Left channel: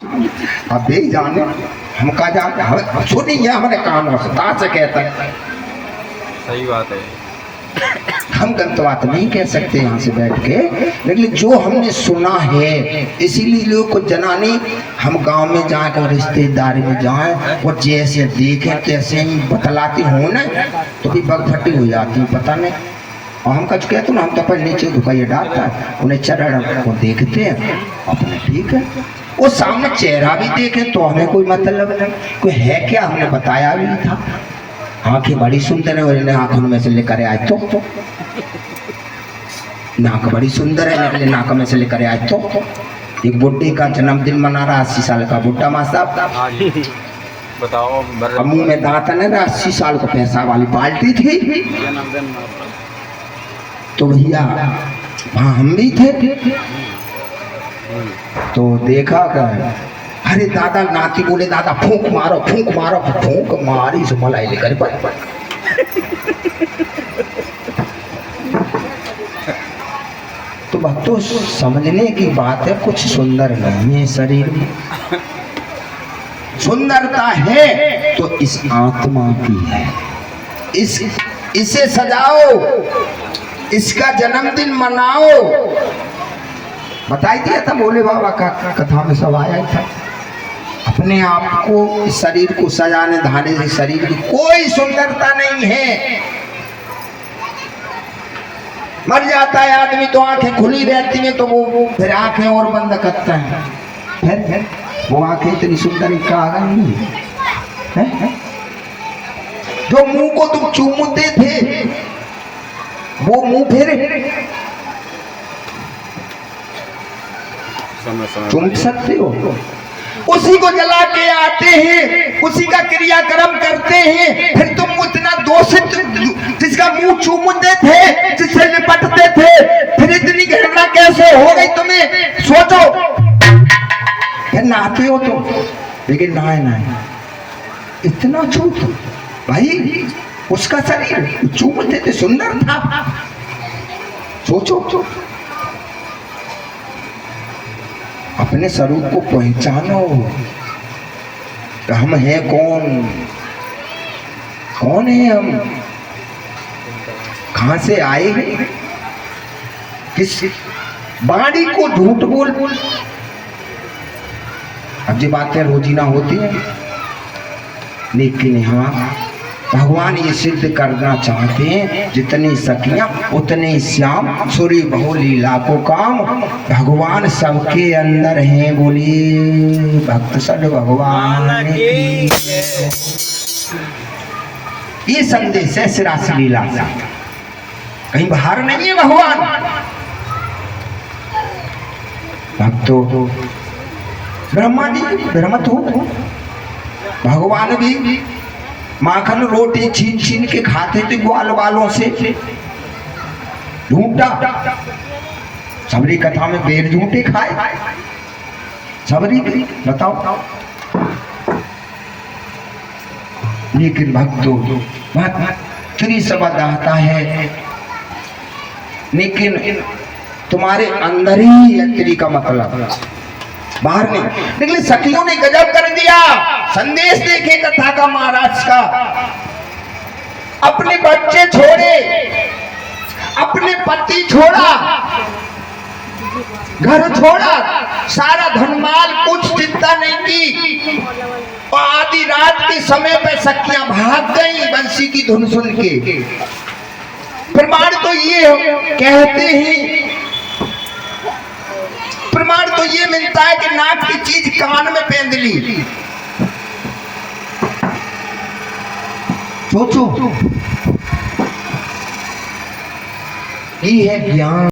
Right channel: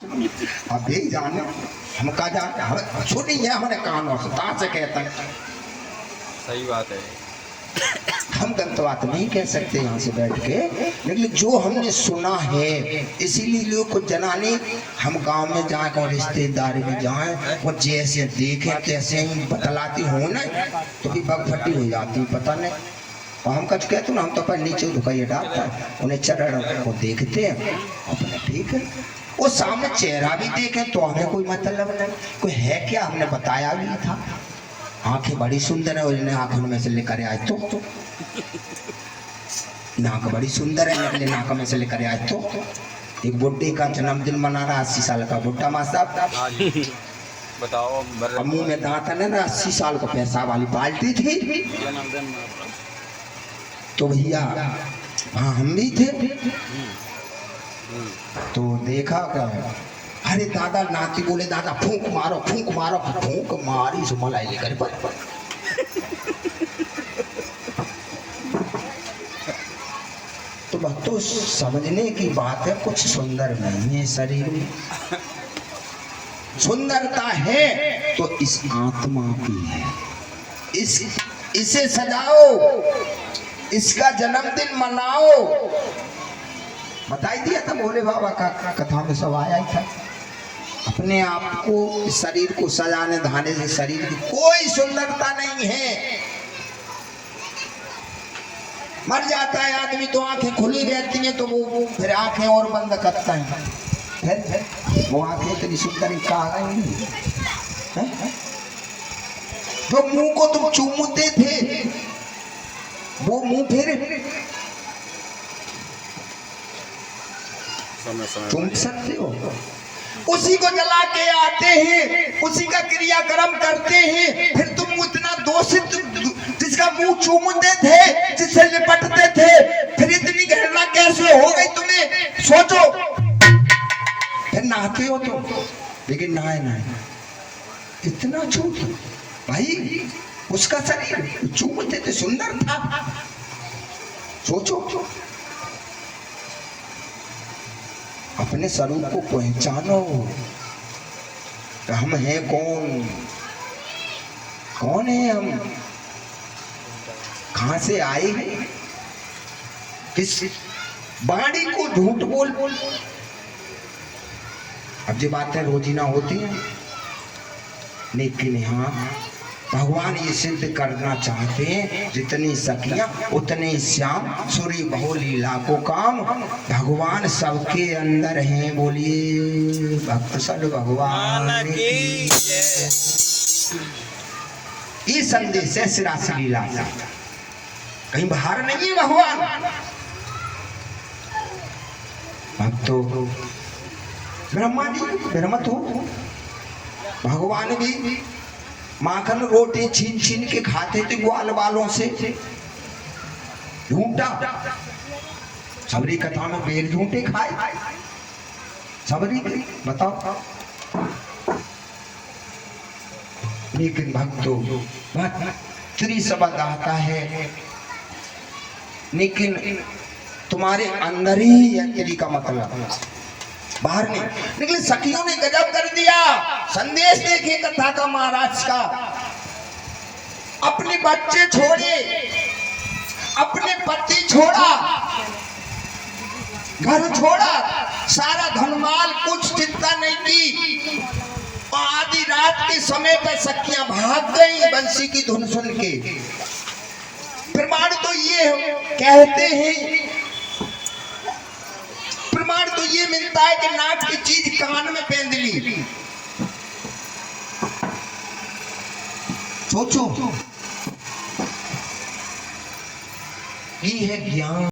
अबे जाने हम कहा जा सुनिए हमारे कानों से ता से कहता है। सही बात है। हम गलत बात नहीं कह सकते यहाँ से बैठ के, लेकिन जो हमने सुना है इसीलिए लोग को जनाने हम गांव में जाकर रिश्तेदारी में जाए वो जैसे देखे तैसे ही बतलाती हो ना तो भी बगफटी हो जाती पता नहीं। और हम कुछ कहते ना हम तो अपन नीचे दुखाइए डालता है उन्हें चरण को देखते हैं अपने ठीक है वो सामने चेहरा भी देखे तो हमें कोई मतलब नहीं कोई है क्या हमने बताया भी नहीं था। आंखें बड़ी सुंदर है और इन्हें आंखों में से लेकर आए तो नाक बड़ी सुंदर है निकले नाक में से लेकर आए तो एक बुड्ढे का जन्मदिन मना रहा 80 साल का बुड्ढा माँ साहब बताओ अब मुंह में दांत है ना 80 साल को पैसा वाली पार्टी थी तो भैया वहाँ हम भी थे तो देखा कर अरे दादा नाती बोले दादा फूंक मारो फूंक मारी सो मलाई लेकर पर तो बात तो समझने की बात है कुछ सुंदर नहीं है शरीर में सुंदरता है तो इस आत्मा की है इसे सजाओ इसका जन्मदिन मनाओ। बताई दिया था भोले बाबा का कथा में सब आया था अपने आप को इस शरीर को सजाने धाने से शरीर की कोई सुंदरता नहीं है। मर जाता है आदमी तो आंखें खुली रहती हैं तो वो फिर आंखें और बंद करता है फिर वो आंखें इतनी सुंदर कहा नहीं है। जो मुंह को तुम चूमते थे वो मुंह फिर चूम सकते हो उसी को जला के आते हैं उसी का क्रियाक्रम करते हैं फिर तुम उतना दोषित जिसका मुंह चूमते थे जिससे निपटते थे फिर इतनी घृणा कैसे हो गई तुम्हें सोचो। फिर नहाते हो तुम लेकिन नहाए इतना झूठ भाई उसका शरीर चूमते थे सुंदर था सोचो तो अपने स्वरूप को पहचानो हम हैं कौन है हम कहां से आए हैं किस बाड़ी को झूठ बोल अब जी बातें रोजीना होती हैं लेकिन हाँ भगवान ये सिद्ध करना चाहते हैं जितनी सखियां उतने श्याम सूर्य बहु लीला को काम भगवान सबके अंदर हैं बोली भक्त सद भगवान की। ये संदेश है सिरास लीला कहीं बाहर नहीं है भगवान भक्तों ब्रह्मा जी ब्रह्म तो भगवान भी माखन रोटी छीन छीन के खाते थे ग्वाल वालों से ढूंढा सबरी कथा में बेर झूठे खाए सबरी बताओ लेकिन भक्तों फ्री शब्द आता है लेकिन तुम्हारे अंदर ही है फ्री का मतलब बाहर नहीं। लेकिन सखियों ने गजब कर दिया संदेश देखे कथा का महाराज का अपने बच्चे छोड़े अपने पति छोड़ा घर छोड़ा सारा धनमाल कुछ चिंता नहीं की और आधी रात के समय पर सखियां भाग गई बंसी की धुन सुन के। प्रमाण तो ये कहते हैं प्रमाण तो ये मिलता है कि नाक की चीज कान में पहन ली सोचो ये है ज्ञान।